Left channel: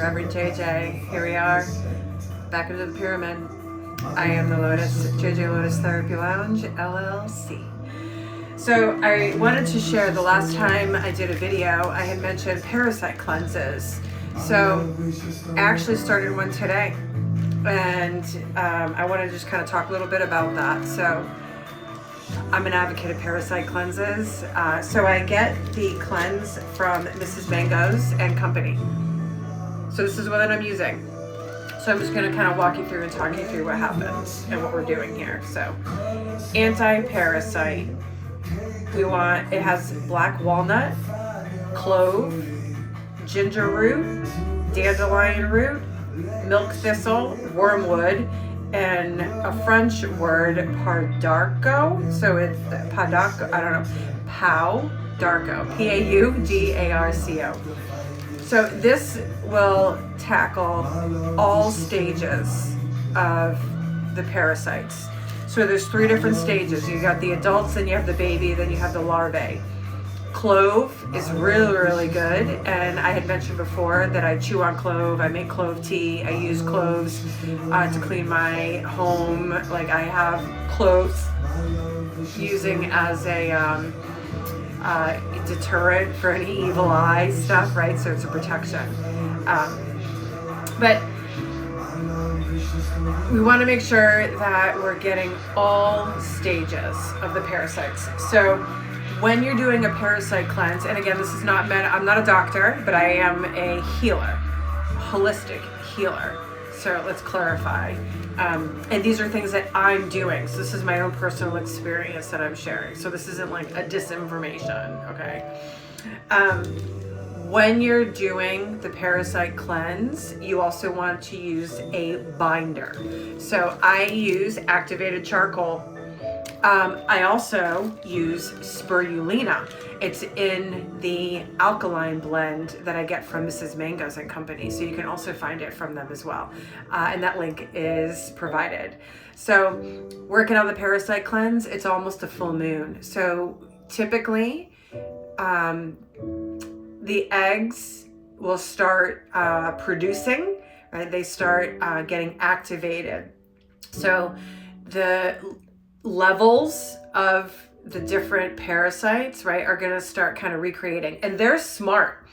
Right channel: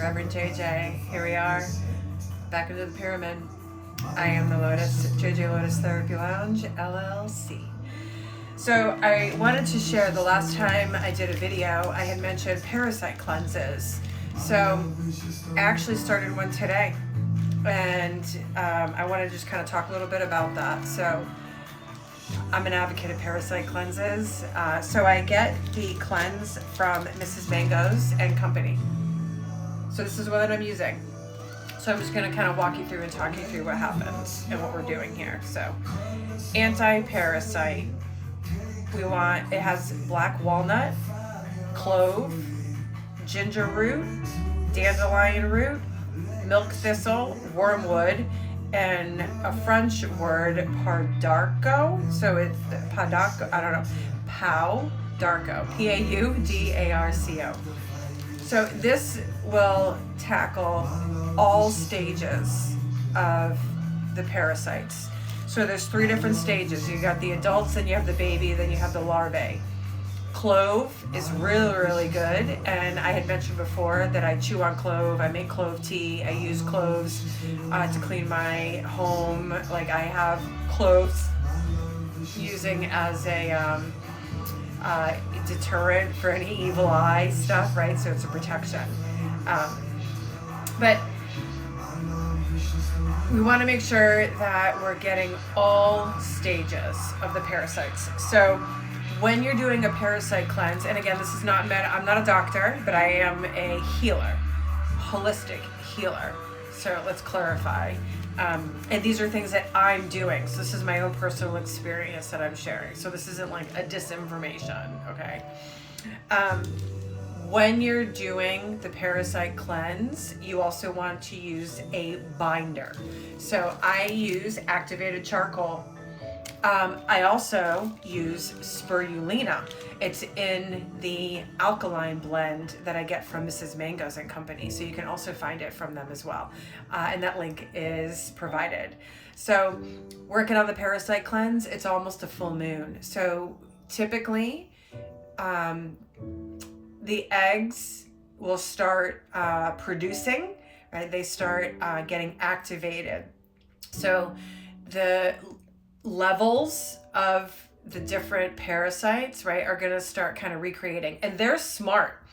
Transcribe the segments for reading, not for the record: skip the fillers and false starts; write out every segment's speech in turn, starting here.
Reverend JJ. Here we are, back into the pyramid. I am the Lotus, JJ Lotus Therapy Lounge, LLC. So I wanted to share, the last time I did a video, I had mentioned parasite cleanses. So I actually started one today, and I want to just kind of talk a little bit about that. So I'm an advocate of parasite cleanses. So I get the cleanse from Mrs. Mango's and Company. So this is what I'm using. So I'm just going to kind of walk you through and talk you through what happens and what we're doing here. So anti-parasite. It has black walnut, clove, ginger root, dandelion root, milk thistle, wormwood, and a French word, pardarco. So it's padarco, I don't know, Paudarco, P-A-U-D-A-R-C-O. So this will tackle all stages of the parasites. So there's 3 different stages. You got the adults, then you have the baby, then you have the larvae. Clove is really, really good. And I had mentioned before that I chew on clove. I make clove tea. I use cloves to clean my home. Like I have cloves using as a deterrent for any evil eye stuff, right? So it's a protection. But we want to make sure that we're getting all stages of the parasites. So when you're doing a parasite cleanse, and again, this is not meant, I'm not a doctor, but I am a healer, holistic healer. So let's clarify. And these are things that I'm doing. So this is my own personal experience that I'm sharing. So this isn't like a disinformation, okay? When you're doing the parasite cleanse, you also want to use a binder. So I use activated charcoal. I also use spirulina. It's in the alkaline blend that I get from Mrs. Mango's and Company. So you can also find it from them as well. And that link is provided. So working on the parasite cleanse, it's almost a full moon. So typically, the eggs will start producing, right? They start getting activated. So the levels of the different parasites, right, are going to start kind of recreating. And they're smart,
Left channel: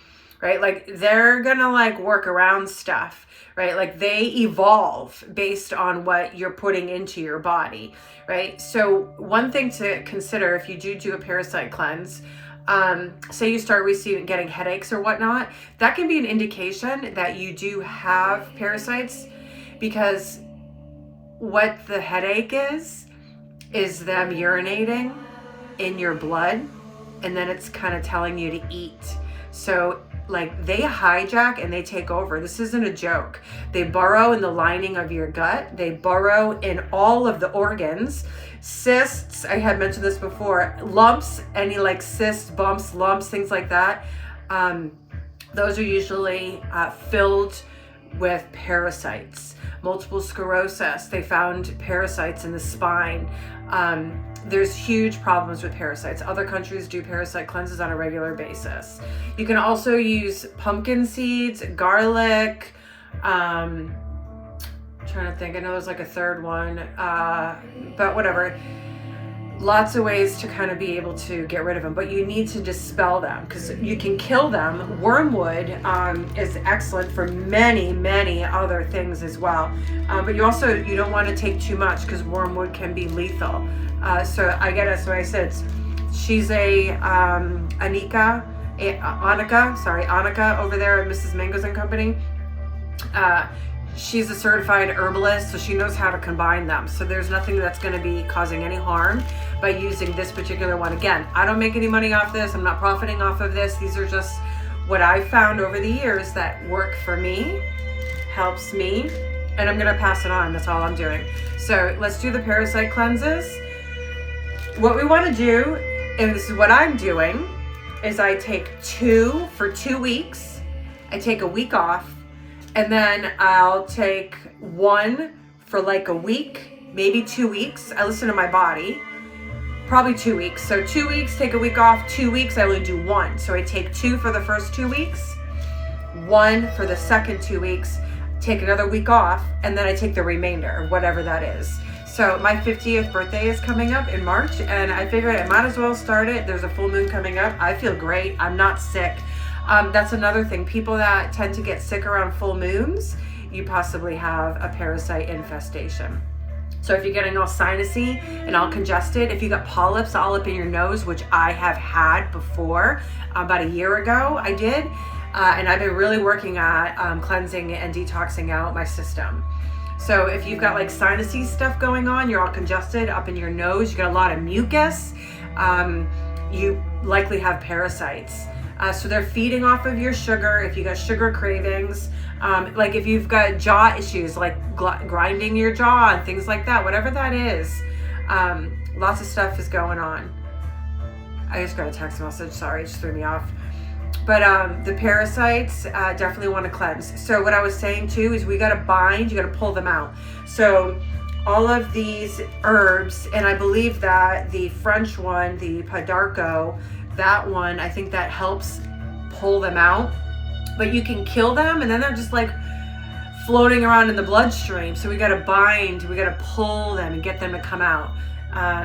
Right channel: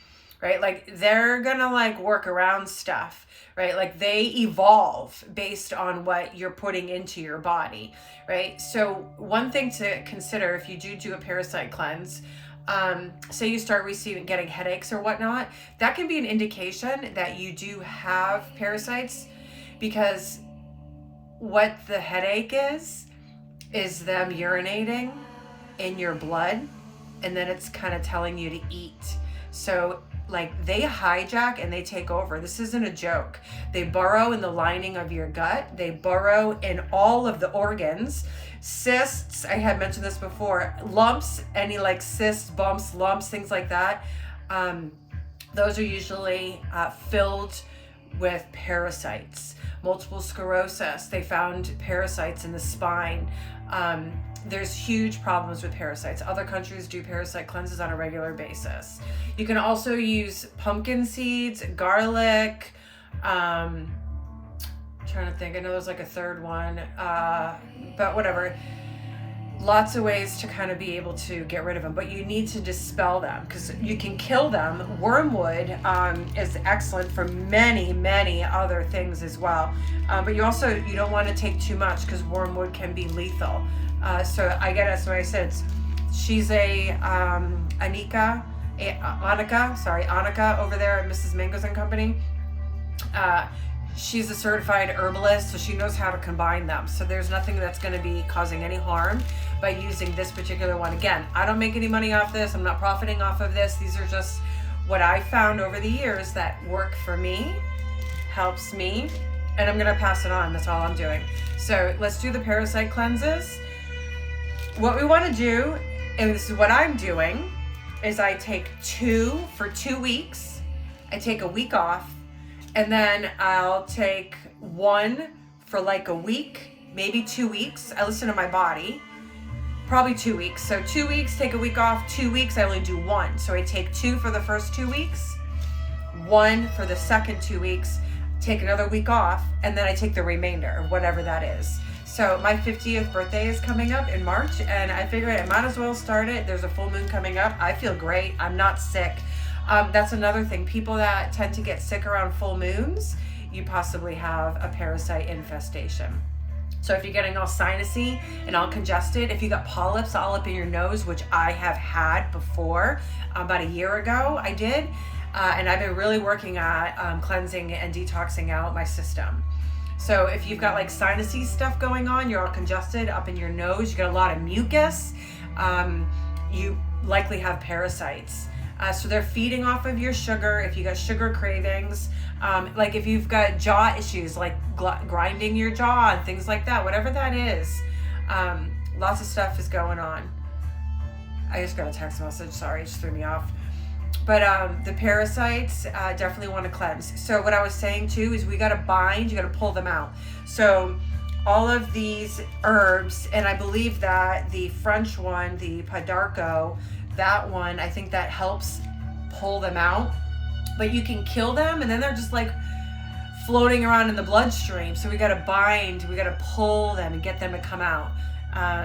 right? Like they're going to like work around stuff, right? Like they evolve based on what you're putting into your body, right? So one thing to consider if you do a parasite cleanse, say you start getting headaches or whatnot, that can be an indication that you do have parasites, because what the headache is them urinating in your blood, and then it's kind of telling you to eat. So like they hijack and they take over. This isn't a joke. They burrow in the lining of your gut. They burrow in all of the organs. Cysts, I had mentioned this before, lumps, any like cysts, bumps, lumps, things like that. Those are usually filled with parasites. Multiple sclerosis, they found parasites in the spine. There's huge problems with parasites. Other countries do parasite cleanses on a regular basis. You can also use pumpkin seeds, garlic, I'm trying to think, I know there's like a third one, but whatever. Lots of ways to kind of be able to get rid of them, but you need to dispel them because you can kill them. Wormwood is excellent for many, many other things as well. But you don't want to take too much because wormwood can be lethal. So I get it. So I said, she's a Annika over there at Mrs. Mango's and Company. She's a certified herbalist, so she knows how to combine them. So there's nothing that's going to be causing any harm by using this particular one. Again, I don't make any money off this. I'm not profiting off of this. These are just what I've found over the years that work for me, helps me, and I'm going to pass it on. That's all I'm doing. So let's do the parasite cleanses. What we want to do, and this is what I'm doing, is I take 2 for 2 weeks. I take a week off. And then I'll take 1 for like a week, maybe 2 weeks. I listen to my body, probably 2 weeks. So 2 weeks, take a week off, 2 weeks, I only do 1. So I take 2 for the first 2 weeks, one for the second 2 weeks, take another week off, and then I take the remainder, whatever that is. So my 50th birthday is coming up in March, and I figured I might as well start it. There's a full moon coming up. I feel great. I'm not sick. That's another thing. People that tend to get sick around full moons, you possibly have a parasite infestation. So if you're getting all sinusy and all congested, if you got polyps all up in your nose, which I have had before, about a year ago I did, and I've been really working at cleansing and detoxing out my system. So if you've got like sinusy stuff going on, you're all congested up in your nose, you got a lot of mucus, you likely have parasites. So they're feeding off of your sugar. If you got sugar cravings, like if you've got jaw issues, like grinding your jaw and things like that, whatever that is, lots of stuff is going on. I just got a text message, sorry, it just threw me off. But the parasites definitely want to cleanse. So what I was saying too is we got to bind, you got to pull them out. So all of these herbs, and I believe that the French one, the Padarco, that one, I think that helps pull them out. But you can kill them and then they're just like floating around in the bloodstream. So we got to bind, we got to pull them and get them to come out.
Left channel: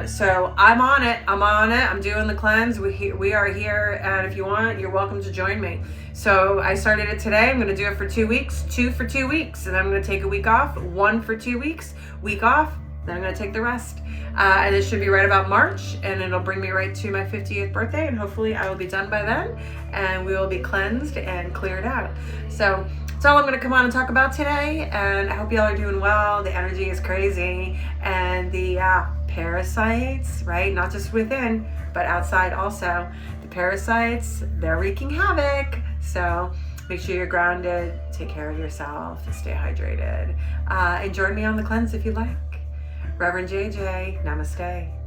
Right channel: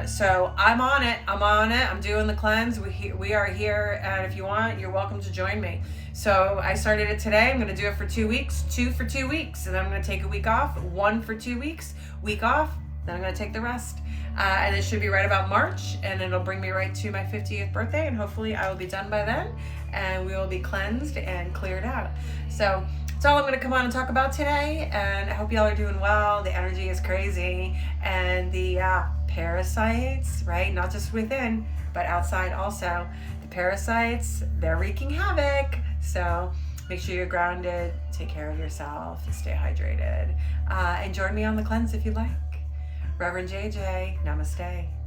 So I'm on it. I'm doing the cleanse. We are here, and if you want, you're welcome to join me. So I started it today. I'm going to do it for 2 weeks, 2 for 2 weeks, and I'm going to take a week off, 1 for 2 weeks, week off, then I'm going to take the rest. And it should be right about March, and it'll bring me right to my 50th birthday, and hopefully I will be done by then, and we will be cleansed and cleared out. So that's all I'm going to come on and talk about today, and I hope y'all are doing well. The energy is crazy, and the parasites, right? Not just within, but outside also. The parasites, they're wreaking havoc. So make sure you're grounded, take care of yourself, and stay hydrated. And join me on the cleanse if you like. Reverend JJ, namaste.